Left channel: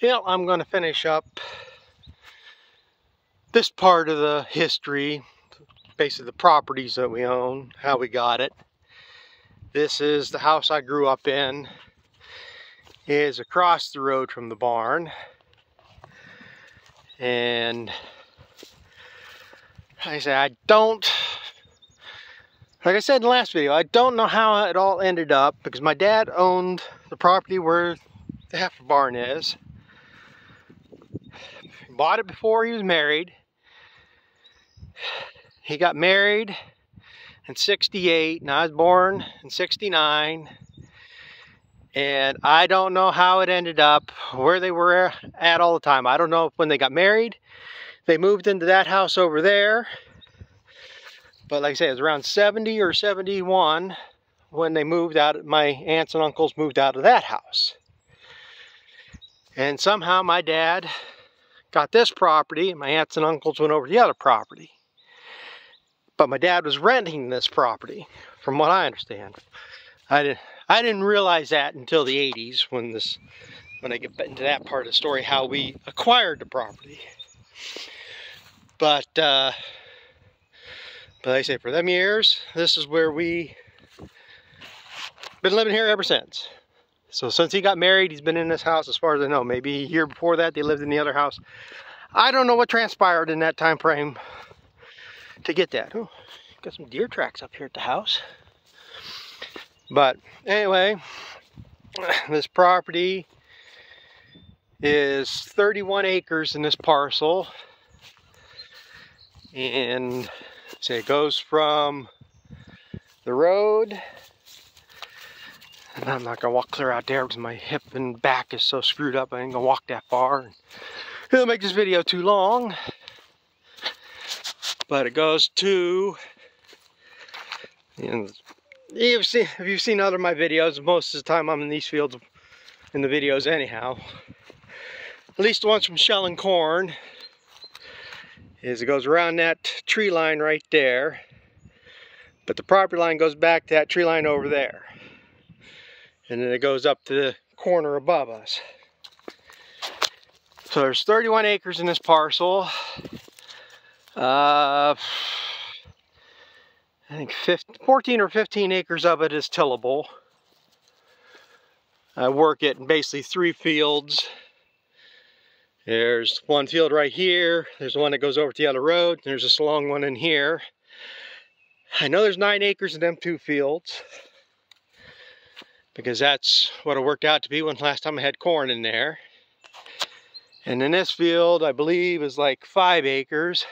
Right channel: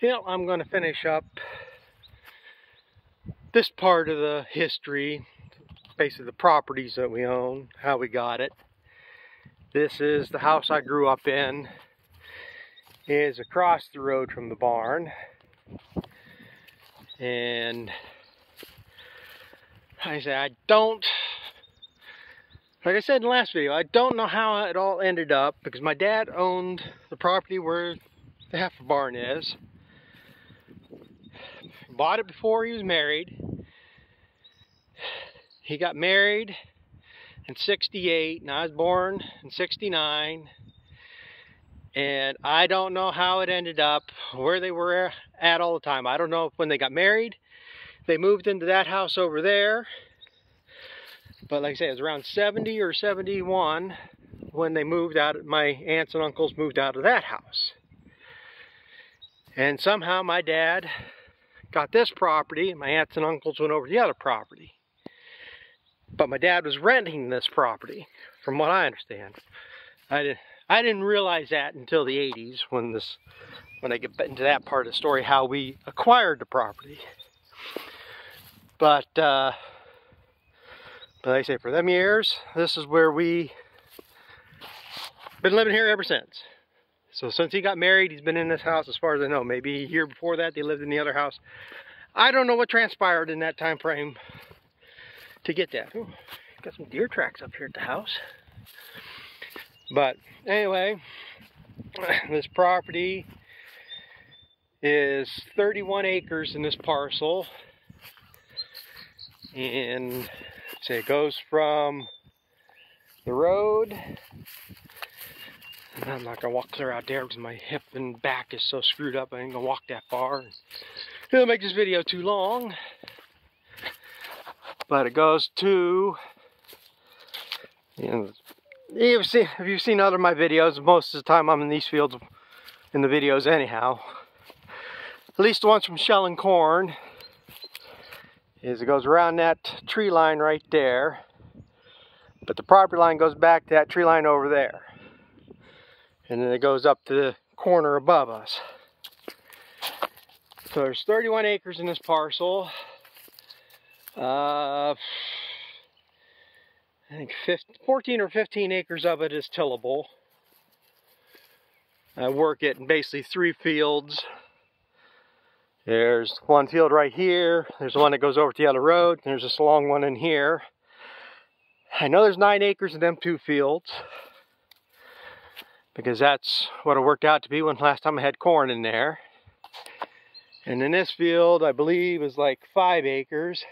Yeah, I'm going to finish up this part of the history, basically the properties that we own, how we got it. This is the house I grew up in. It is across the road from the barn. And like I said, like I said in the last video, I don't know how it all ended up because my dad owned the property where the heifer barn is. He bought it before he was married. He got married in '68 and I was born in '69. And I don't know how it ended up, where they were at all the time. I don't know if when they got married, they moved into that house over there. But like I say, it was around 70 or 71 when they moved out, my aunts and uncles moved out of that house. And somehow my dad got this property and my aunts and uncles went over to the other property. But my dad was renting this property, from what I understand. I didn't realize that until the 80s when I get into that part of the story, how we acquired the property. But like I say, for them years, this is where we been living here ever since. So since he got married, he's been in this house as far as I know. Maybe a year before that, they lived in the other house. I don't know what transpired in that time frame to get that. Ooh, got some deer tracks up here at the house. But anyway, this property is 31 acres in this parcel. And say it goes from the road. And I'm not gonna walk clear out there because my hip and back is so screwed up. I ain't gonna walk that far. It'll make this video too long. But it goes to, and if you've seen other of my videos, most of the time I'm in these fields in the videos anyhow. At least the ones from shelling corn. Is it goes around that tree line right there. But the property line goes back to that tree line over there. And then it goes up to the corner above us. So there's 31 acres in this parcel. I think 14 or 15 acres of it is tillable. I work it in basically 3 fields. There's one field right here. There's one that goes over to the other road. There's this long one in here. I know there's 9 acres in them 2 fields, because that's what it worked out to be when last time I had corn in there. And in this field, I believe, is like 5 acres.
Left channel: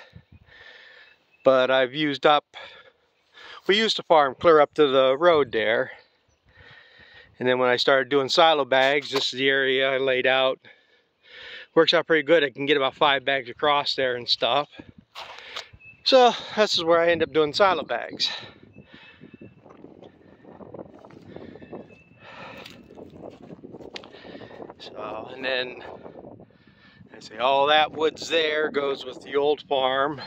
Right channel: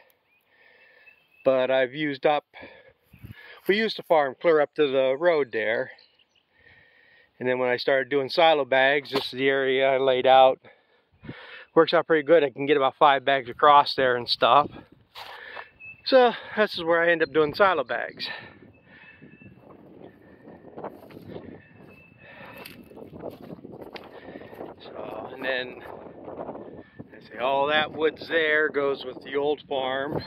But I've used up, we used to farm clear up to the road there. And then when I started doing silo bags, this is the area I laid out. Works out pretty good. I can get about 5 bags across there and stuff. So this is where I end up doing silo bags. So, and then I say all that woods there goes with the old farm.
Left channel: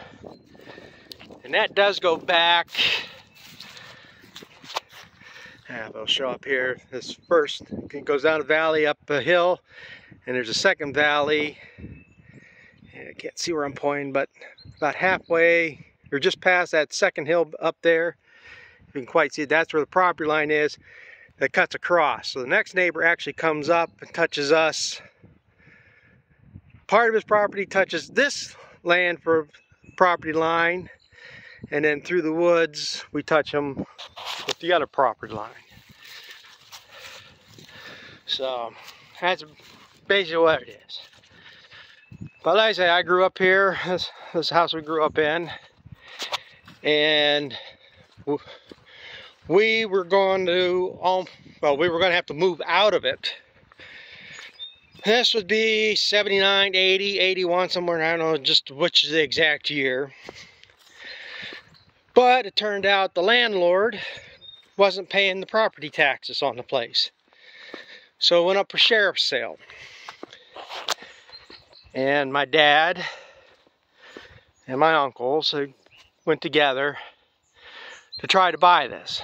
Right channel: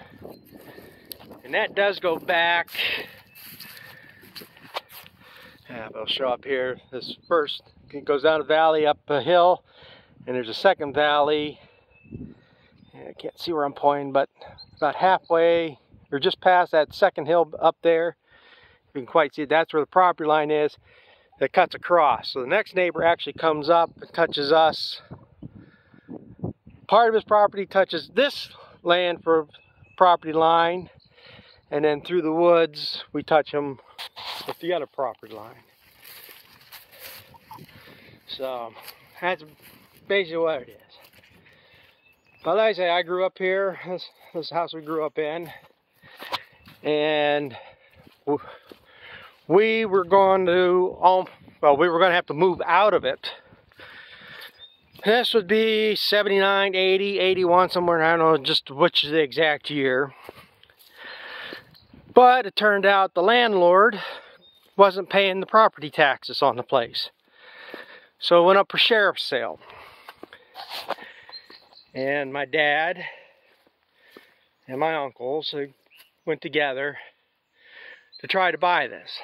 And that does go back. Yeah, they'll show up here. This first, it goes down a valley up a hill. And there's a second valley. I can't see where I'm pointing, but about halfway, or just past that second hill up there, you can quite see it. That's where the property line is that cuts across. So the next neighbor actually comes up and touches us. Part of his property touches this land for property line, and then through the woods, we touch him with the other property line. So that's basically what it is. But like I say, I grew up here. This house we grew up in, and we were going to, we were going to have to move out of it. This would be 79, 80, 81, somewhere, I don't know just which is the exact year. But it turned out the landlord wasn't paying the property taxes on the place. So it went up for sheriff's sale. And my dad and my uncles went together to try to buy this.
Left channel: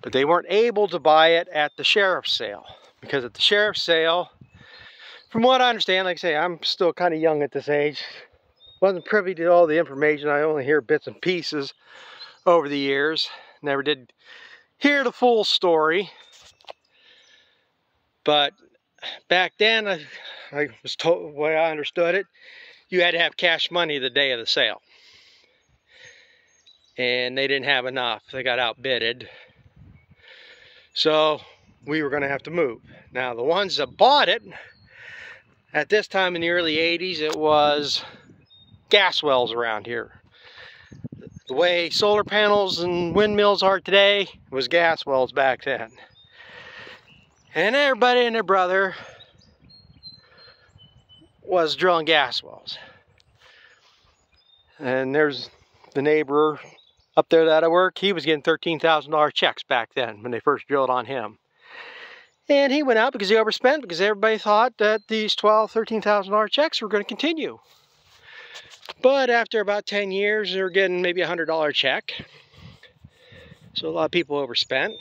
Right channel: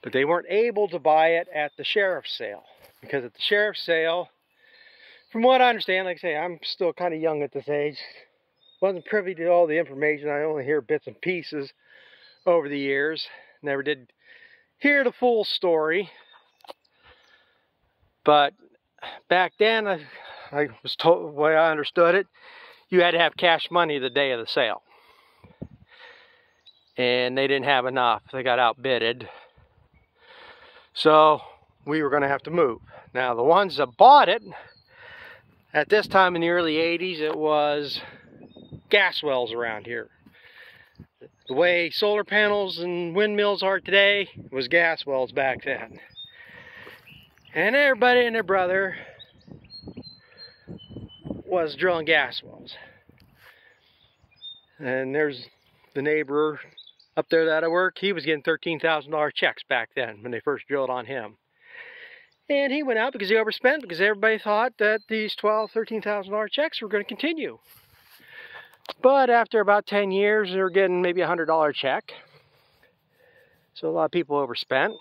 But they weren't able to buy it at the sheriff's sale, because at the sheriff's sale, from what I understand, like I say, I'm still kind of young at this age. Wasn't privy to all the information. I only hear bits and pieces over the years. Never did hear the full story. But back then, I was told, the way I understood it, you had to have cash money the day of the sale. And they didn't have enough. They got outbidded. So we were going to have to move. Now the ones that bought it, at this time in the early 80s, it was gas wells around here. The way solar panels and windmills are today was gas wells back then. And everybody and their brother was drilling gas wells. And there's the neighbor up there that I work, he was getting $13,000 checks back then when they first drilled on him. And he went out because he overspent, because everybody thought that these $12,000, $13,000 checks were going to continue. But after about 10 years, they were getting maybe a $100 check. So a lot of people overspent,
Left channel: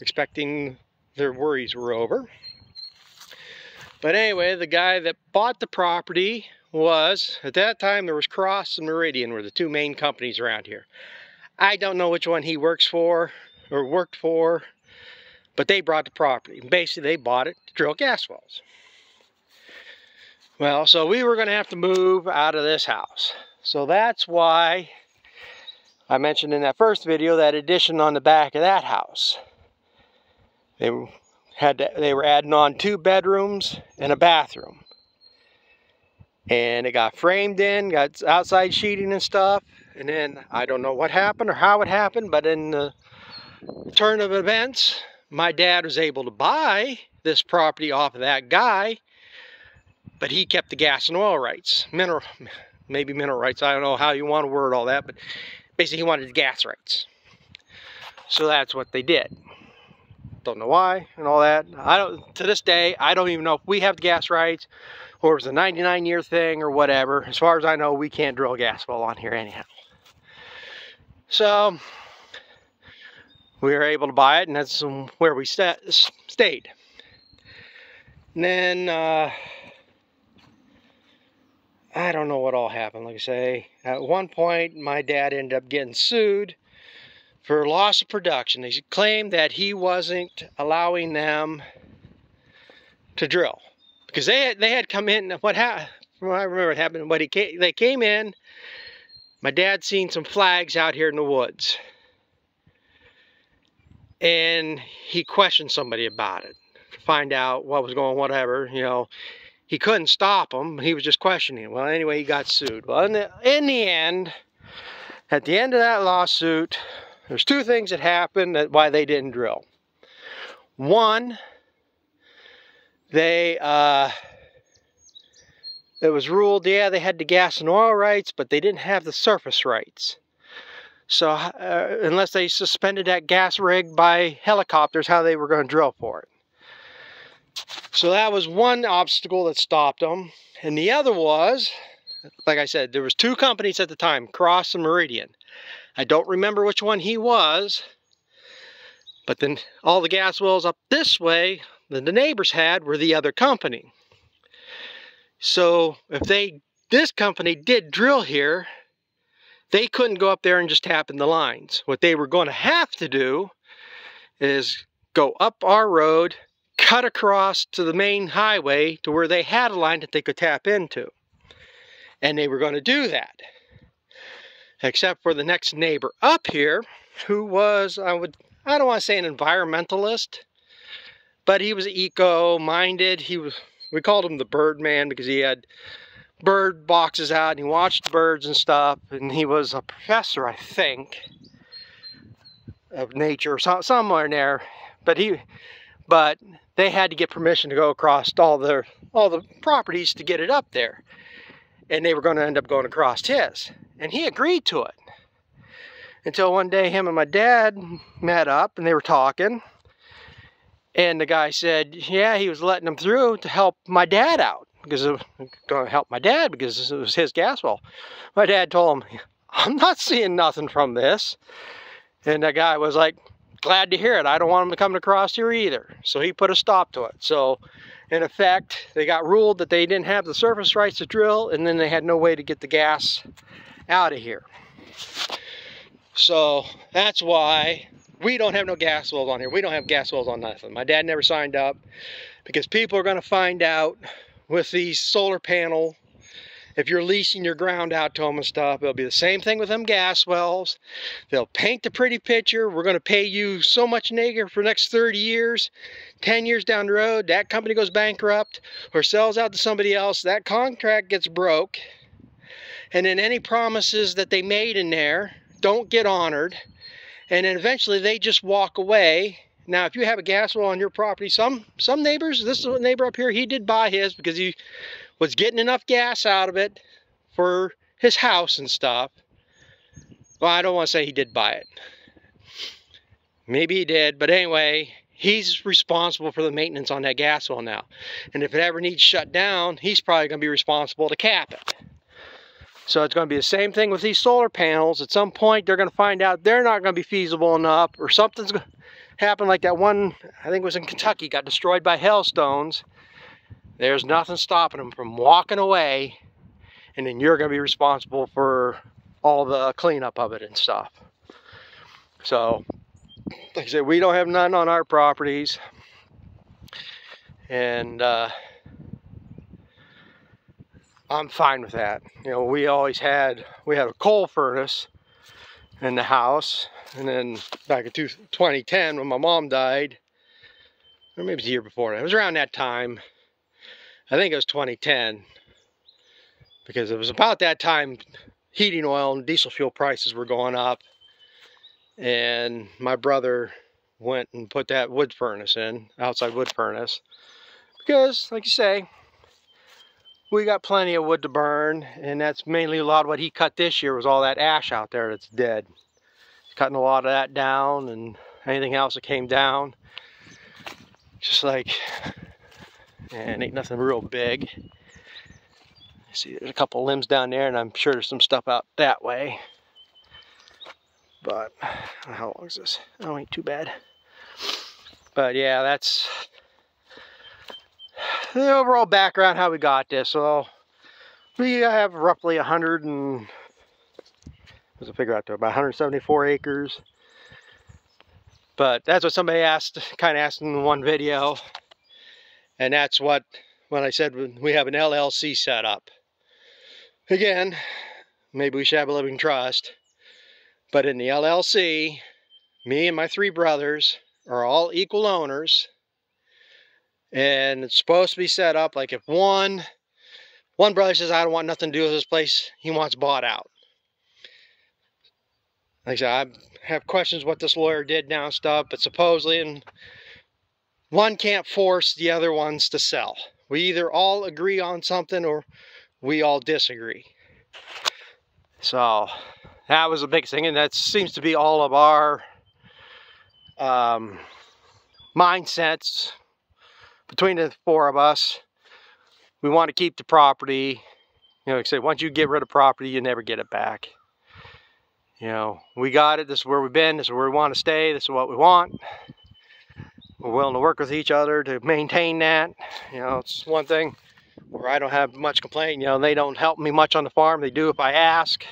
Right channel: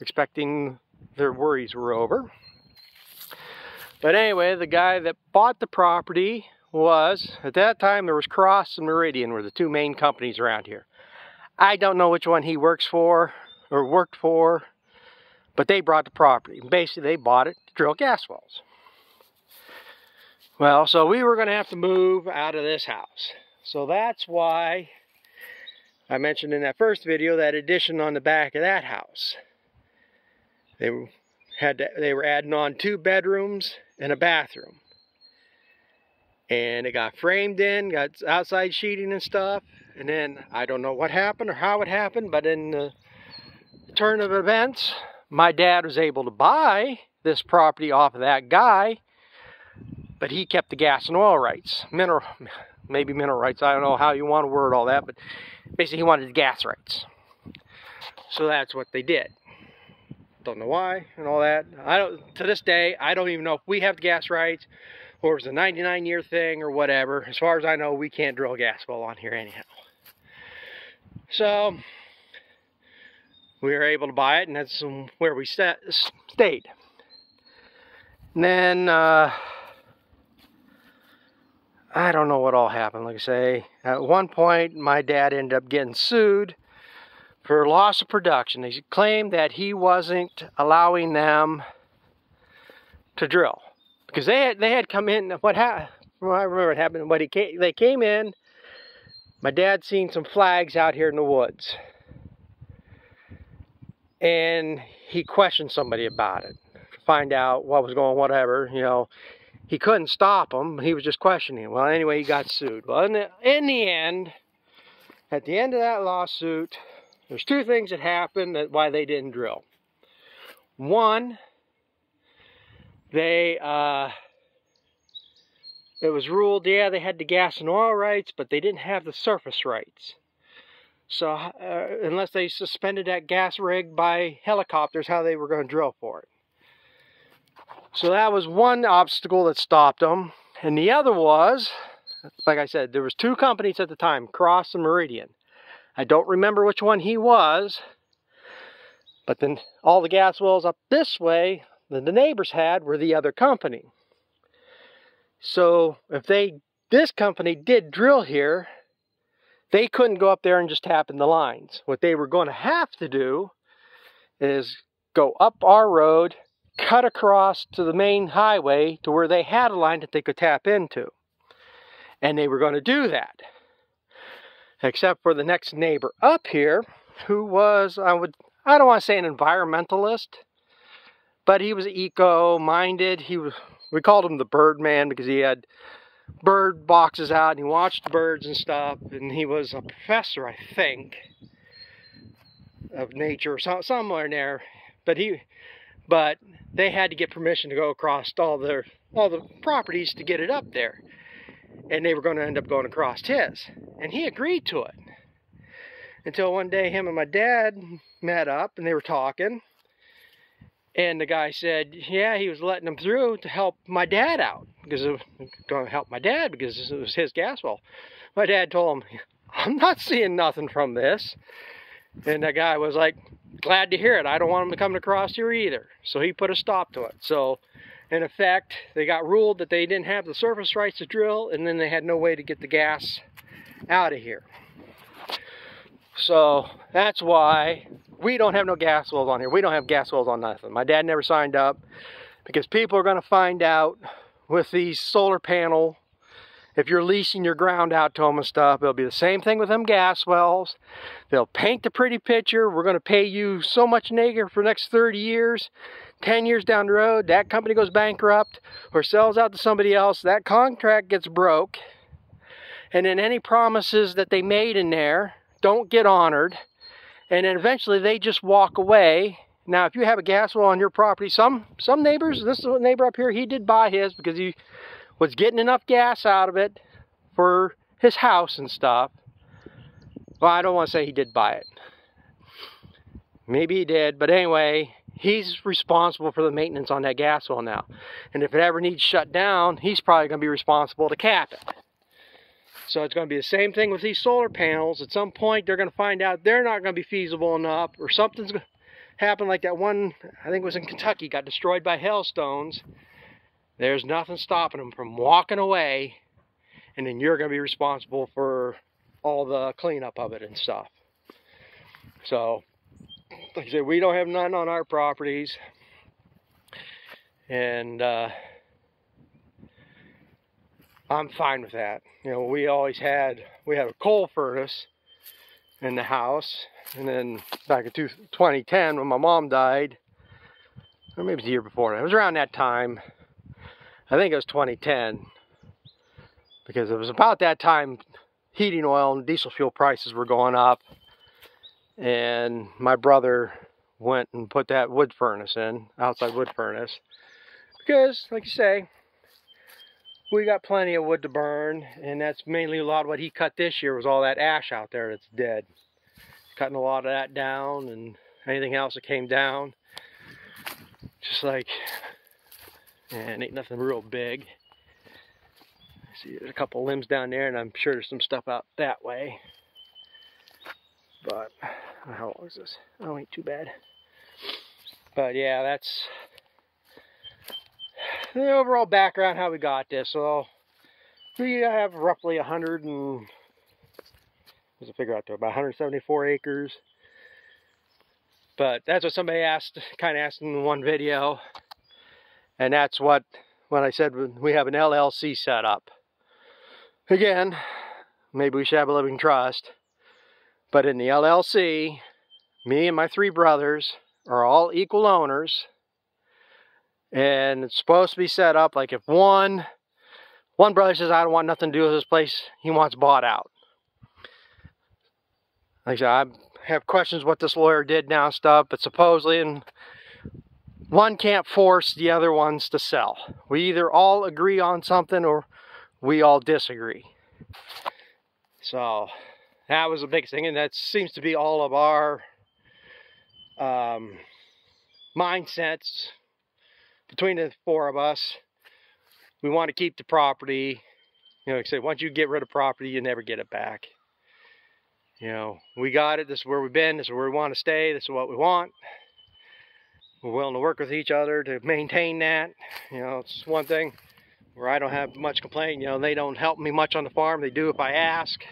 expecting their worries were over. But anyway, the guy that bought the property was, at that time, there was Cross and Meridian were the two main companies around here. I don't know which one he works for or worked for, but they bought the property. Basically, they bought it to drill gas wells. Well, so we were going to have to move out of this house. So that's why I mentioned in that first video that addition on the back of that house. They were adding on 2 bedrooms and a bathroom. And it got framed in, got outside sheeting and stuff. And then I don't know what happened or how it happened, but in the turn of events, my dad was able to buy this property off of that guy, but he kept the gas and oil rights. Maybe mineral rights, I don't know how you want to word all that, but basically he wanted the gas rights. So that's what they did. Don't know why and all that. To this day, I don't even know if we have the gas rights or it was a 99-year thing or whatever. As far as I know, we can't drill a gas well on here anyhow. So we were able to buy it, and that's where we stayed. And then I don't know what all happened. Like I say, at one point my dad ended up getting sued for loss of production. They claimed that he wasn't allowing them to drill because they had come in. What happened? I remember it happened. They came in. My dad seen some flags out here in the woods, and he questioned somebody about it to find out what was going on, whatever, you know. He couldn't stop them, he was just questioning. Well, anyway, he got sued. Well, in the end, at the end of that lawsuit, there's 2 things that happened that why they didn't drill. One, it was ruled, yeah, they had the gas and oil rights, but they didn't have the surface rights. So unless they suspended that gas rig by helicopters, how they were going to drill for it. So that was one obstacle that stopped them. And the other was, like I said, there was 2 companies at the time, Cross and Meridian. I don't remember which one he was, but then all the gas wells up this way that the neighbors had were the other company. So if this company did drill here, they couldn't go up there and just tap in the lines. What they were going to have to do is go up our road, cut across to the main highway to where they had a line that they could tap into. And they were going to do that. Except for the next neighbor up here, who was, I don't want to say an environmentalist, but he was eco-minded. We called him the bird man because he had bird boxes out and he watched birds and stuff, and he was a professor, I think, of nature, somewhere in there. But they had to get permission to go across all the properties to get it up there, and they were going to end up going across his, and he agreed to it. Until one day, him and my dad met up and they were talking. And the guy said, yeah, he was letting them through to help my dad out. Because it was going to help my dad because it was his gas well. My dad told him, I'm not seeing nothing from this. And that guy was like, glad to hear it. I don't want him to come across here either. So he put a stop to it. So in effect, they got ruled that they didn't have the surface rights to drill, and then they had no way to get the gas out of here. So that's why we don't have no gas wells on here. We don't have gas wells on nothing. My dad never signed up, because people are going to find out with these solar panel, if you're leasing your ground out to them and stuff, it'll be the same thing with them gas wells. They'll paint the pretty picture. We're going to pay you so much an acre for the next 30 years. 10 years down the road, that company goes bankrupt or sells out to somebody else. That contract gets broke. And then any promises that they made in there don't get honored. And then eventually they just walk away. Now, if you have a gas well on your property, some neighbors, this is a neighbor up here, he did buy his because he was getting enough gas out of it for his house and stuff. Well, I don't want to say he did buy it. Maybe he did, but anyway, he's responsible for the maintenance on that gas well now. And if it ever needs shut down, he's probably going to be responsible to cap it. So it's going to be the same thing with these solar panels. At some point, they're going to find out they're not going to be feasible enough, or something's going to happen like that one, I think it was in Kentucky, got destroyed by hailstones. There's nothing stopping them from walking away, and then you're going to be responsible for all the cleanup of it and stuff. So, like I said, we don't have none on our properties. And I'm fine with that. You know, we had a coal furnace in the house. And then back in 2010, when my mom died, or maybe it was the year before, it was around that time. I think it was 2010, because it was about that time heating oil and diesel fuel prices were going up, and my brother went and put that wood furnace in, outside wood furnace, because, like you say, we got plenty of wood to burn, and that's mainly a lot of what he cut this year was all that ash out there that's dead. Cutting a lot of that down, and anything else that came down, just like, and ain't nothing real big. See, there's a couple limbs down there, and I'm sure there's some stuff out that way. But how long is this? Oh, ain't too bad. But yeah, that's the overall background how we got this. So we have roughly 100 and what's the figure out there? About 174 acres. But that's what somebody kind of asked in one video. And that's what, when I said we have an LLC set up. Again, maybe we should have a living trust. But in the LLC, me and my 3 brothers are all equal owners. And it's supposed to be set up like if one brother says, I don't want nothing to do with this place, he wants bought out. Like I said, I have questions what this lawyer did now and stuff, but supposedly, and one can't force the other ones to sell. We either all agree on something or we all disagree. So that was the big thing, and that seems to be all of our mindsets between the 4 of us. We want to keep the property. You know, like I say, once you get rid of property, you never get it back. You know, we got it. This is where we've been. This is where we want to stay. This is what we want. We're willing to work with each other to maintain that. You know, it's one thing where I don't have much complaint. You know, they don't help me much on the farm. They do if I ask.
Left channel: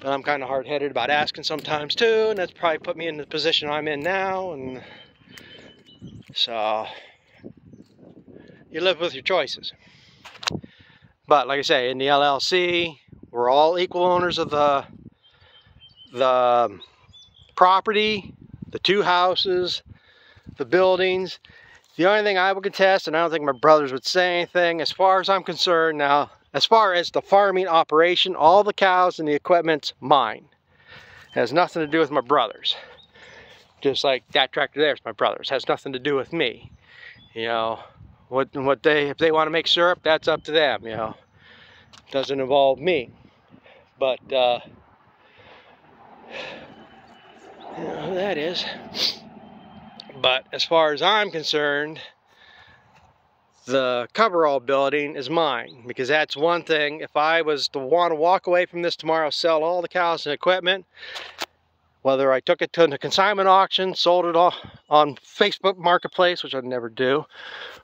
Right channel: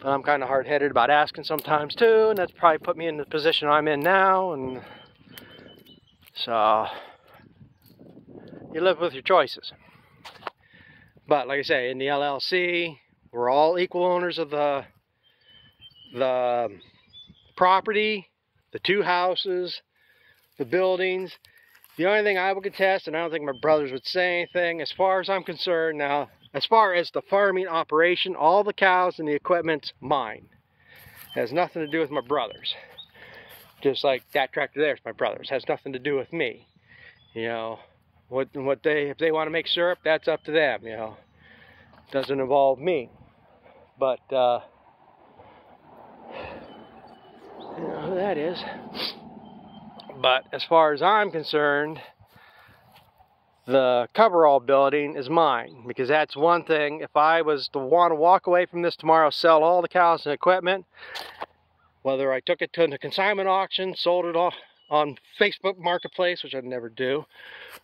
But I'm kind of hard-headed about asking sometimes too, and that's probably put me in the position I'm in now. And so you live with your choices. But like I say, in the LLC, we're all equal owners of the property, the 2 houses, the buildings. The only thing I would contest, and I don't think my brothers would say anything, as far as I'm concerned now, as far as the farming operation, all the cows and the equipment's mine. It has nothing to do with my brothers. Just like that tractor there is my brother's. It has nothing to do with me. You know, if they want to make syrup, that's up to them, you know. It doesn't involve me. But you know who that is. But as far as I'm concerned, the coverall building is mine, because that's one thing. If I was to want to walk away from this tomorrow, sell all the cows and equipment, Whether I took it to the consignment auction, sold it all on Facebook Marketplace, which I'd never do,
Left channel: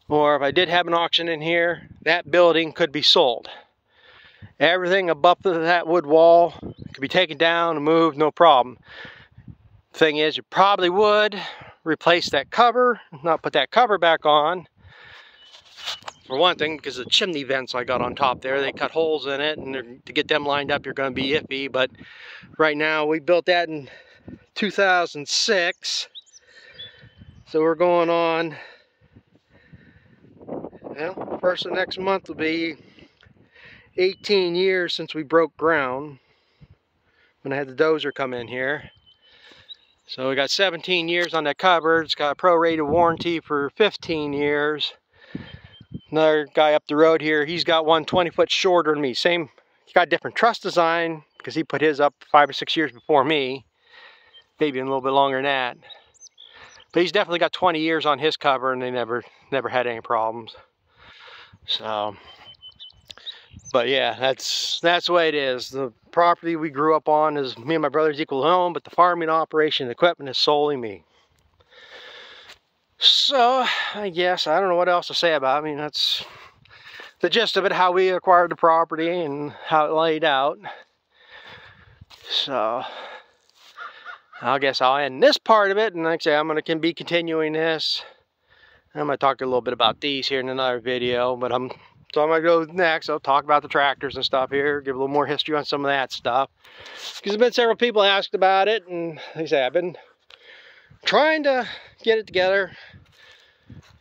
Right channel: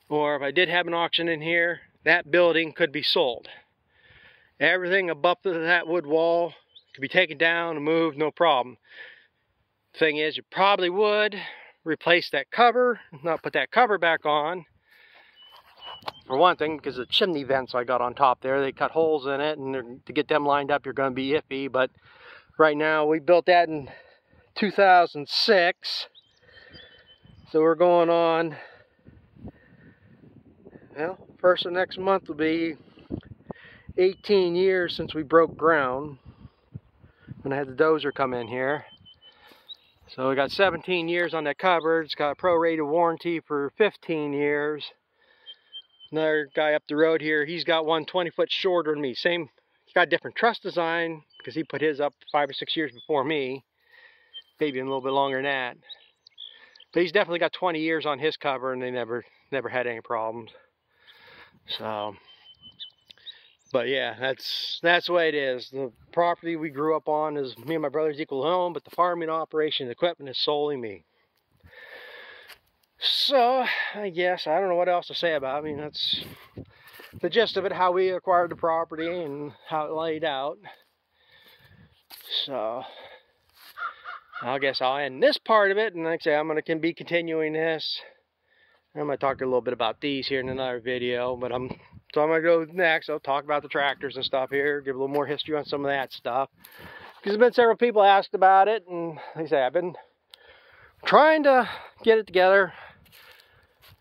or if I did have an auction in here, that building could be sold. Everything above that wood wall could be taken down and moved, no problem. Thing is, you probably would replace that cover, not put that cover back on. For one thing, because the chimney vents I got on top there, they cut holes in it, and to get them lined up, you're going to be iffy. But right now, we built that in 2006, so we're going on, well, first of next month will be 18 years since we broke ground when I had the dozer come in here. So we got 17 years on that cupboard. It's got a prorated warranty for 15 years. Another guy up the road here, he's got one 20 foot shorter than me. Same, he's got a different truss design because he put his up 5 or 6 years before me. Maybe a little bit longer than that. But he's definitely got 20 years on his cover, and they never had any problems. So, but yeah, that's the way it is. The property we grew up on is me and my brothers equal home, but the farming operation, the equipment is solely me. So, I guess, I don't know what else to say about it. I mean, that's the gist of it, how we acquired the property and how it laid out. So, I guess I'll end this part of it, and like I say, I'm going to be continuing this. I'm going to talk a little bit about these here in another video, but I'm going to go next. I'll talk about the tractors and stuff here, give a little more history on some of that stuff. Because there's been several people asked about it, and like I say, I've been trying to get it together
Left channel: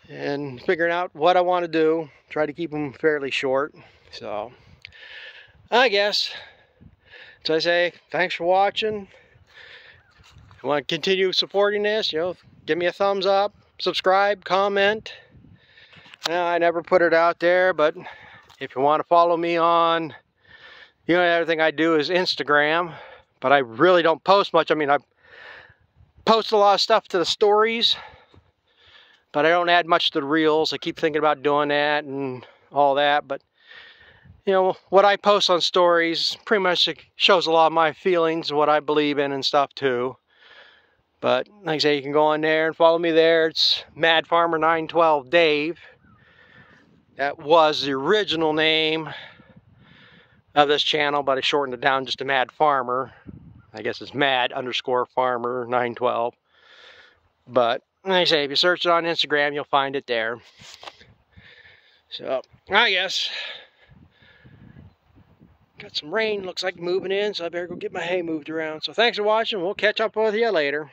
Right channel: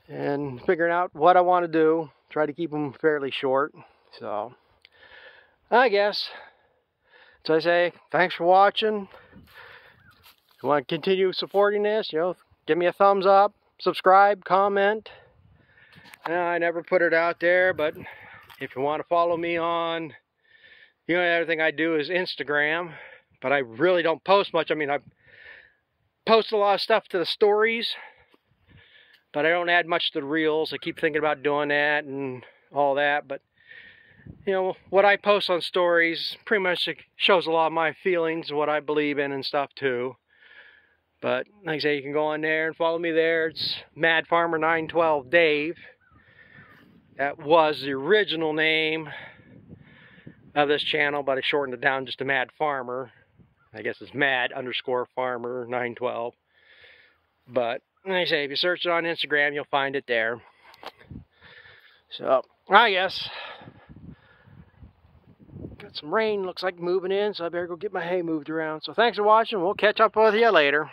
and figuring out what I want to do. Try to keep them fairly short. So, I guess, so I say, thanks for watching. If you want to continue supporting this, you know, give me a thumbs up, subscribe, comment. I never put it out there, but if you want to follow me on, you know, everything I do is Instagram, but I really don't post much. I mean, I post a lot of stuff to the stories, but I don't add much to the reels. I keep thinking about doing that and all that, but you know, what I post on stories pretty much shows a lot of my feelings, what I believe in and stuff too. But like I say, you can go on there and follow me there. It's Mad Farmer 912 Dave. That was the original name of this channel, but I shortened it down just to Mad Farmer. I guess it's Mad_Farmer 912. But like I say, if you search it on Instagram, you'll find it there. So I guess got some rain, looks like moving in, so I better go get my hay moved around. So thanks for watching. We'll catch up with you later.